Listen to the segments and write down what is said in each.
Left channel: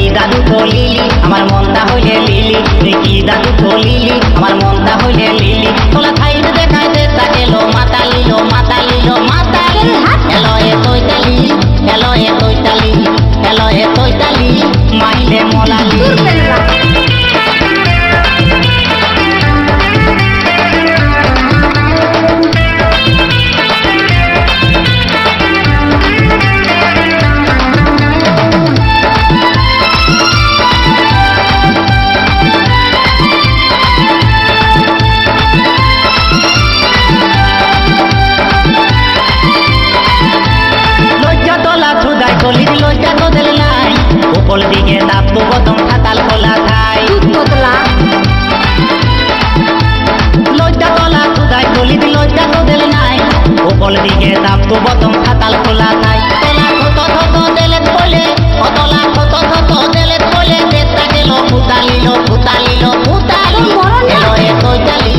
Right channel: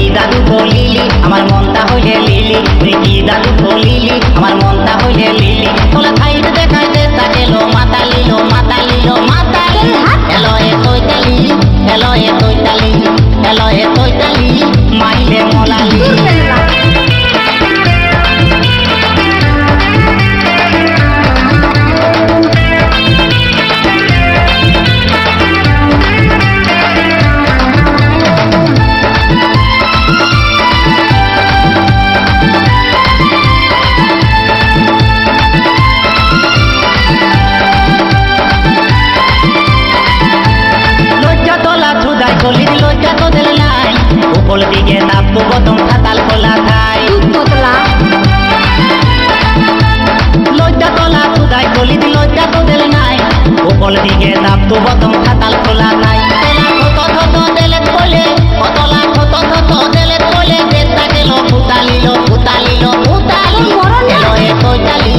কি দাদু কলিলি আমার মনটা হইলে লিলি, তুই কি দাদু কলিলি আমার মনটা হইলে লিলি। তোলা থাইত দেখাইতে তাকেলো মাতালিলো মাতালিলো মাতালি। হ্যালো এ তৈতালি, হ্যালো এ তৈতালি, হ্যালো এ তৈতালি মাইলে মোলালি। তোলা ছুদাই কলি দিল লজ্জা তো দিল নাই, উপর দিকে দাপু বতম খাতাল খোলা থাই। লজ্জা তোলা ছুদাই কলি দিল লজ্জা তো দিল নাই, উপর দিকে দাপু বতম খাতাল খোলা থাই। তোলা থত থত দেলেত বলে, তোলা থত থত দেলেত বলে, দেশটা গেল ফুতালিল ফুতালিল ফুতালি। এলো এ তৈতালি,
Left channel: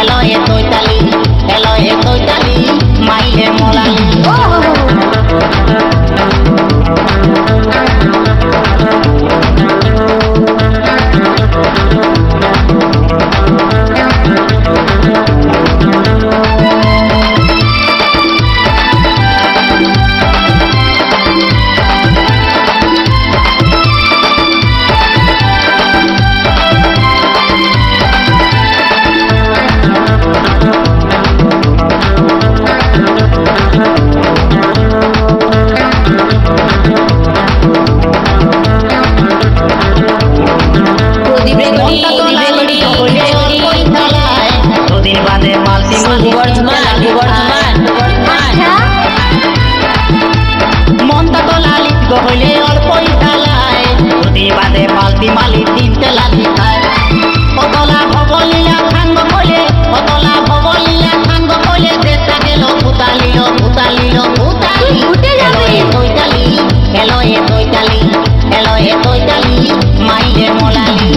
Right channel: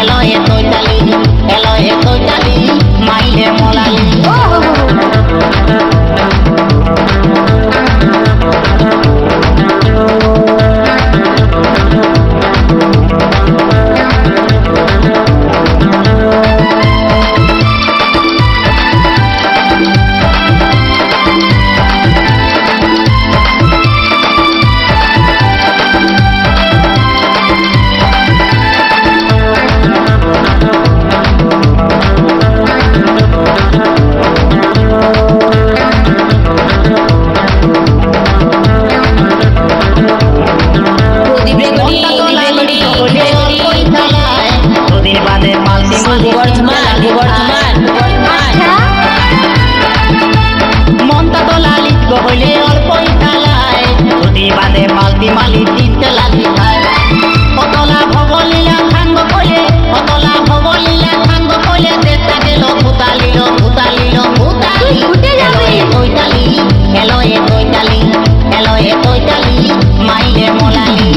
এলো এ তৈতালি, এলো এ তৈতালি মাইলে মোলালি। দুদিন বাদে পাল্টি মনটা তো লালিত গহলে অল্পই থালায়, দুদিন বাদে পাল্টি মালি তিনটে লালি খায়। কতলা ভবলীলা খাঙ্গ কলে, কতলা ভবলীলা খাঙ্গ কলে, দেশটা গেল ফুতালিল ফুতালিল ফুতালি। এলো এ তৈতালি, এলো এ তৈতালি, এলো এ তৈতালি মাইলে মোলালি।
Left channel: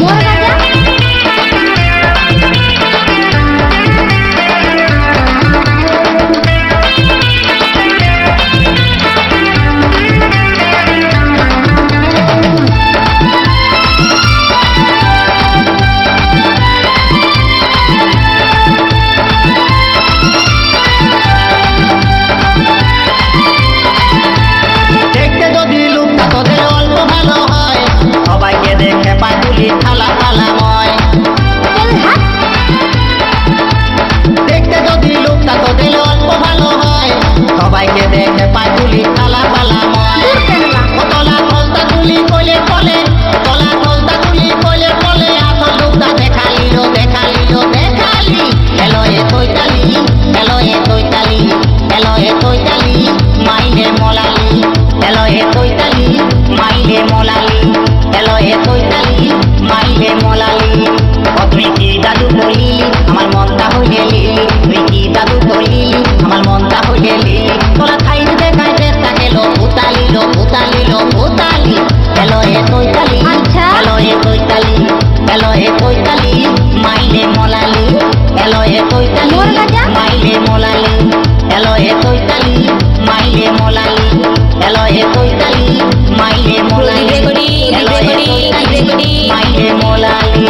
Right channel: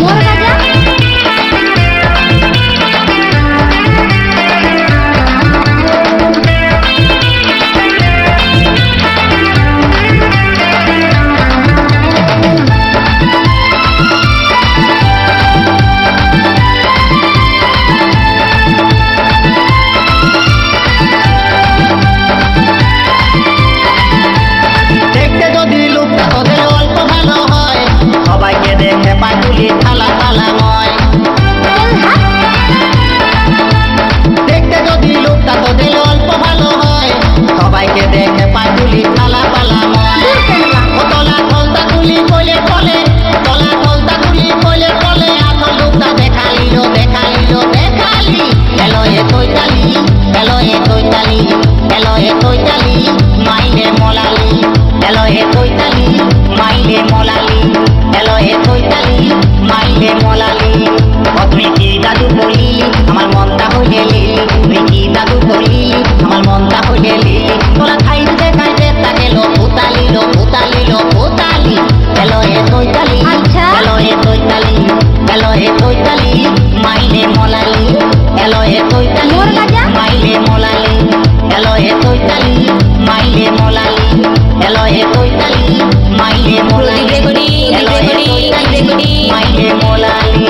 তো দিলে অল্প ভালো হয়, সবাইকে দেখে পায় তুলি থালা থালাময়। দেখতে যদি লোকটা তো দিলে অল্প ভালো হয়, সবাইকে দেখে পায় তুলি থালা পালাময়। কতলা থলতা তুলি কইলে বলে, কতলা থলতা তুলি কইলে বলে, আসল লোকটা দেখালিল দেখালিল দেখালি। এলো এ তৈতালি, এলো এ তৈতালি, এলো এ তৈতালি মাইলে মোলালি। এলো এ তৈতালি মাইলে মোলালি, এলো এ তৈতালি মাইলে মোলালি। ও তুই কি দাদু কলিলি আমার মনটা হইলে লিলি, তুই কি দাদু কলিলি আমার মনটা হইলে লিলি। তোলা খাইত দেখাইতে তাকেলো ফুতালিল ফুতালিল ফুতালি। এলো এ তৈতালি, এলো এ তৈতালি, এলো এ তৈতালি মাইলে মোলালি। এলো এ তৈতালি মাইলে মোলালি, এলো এ তৈতালি মাইলে মোলালি, এলো এ তৈতালি মাইলে মোলালি, এলো এ তৈতালি মাইলে মোলালি।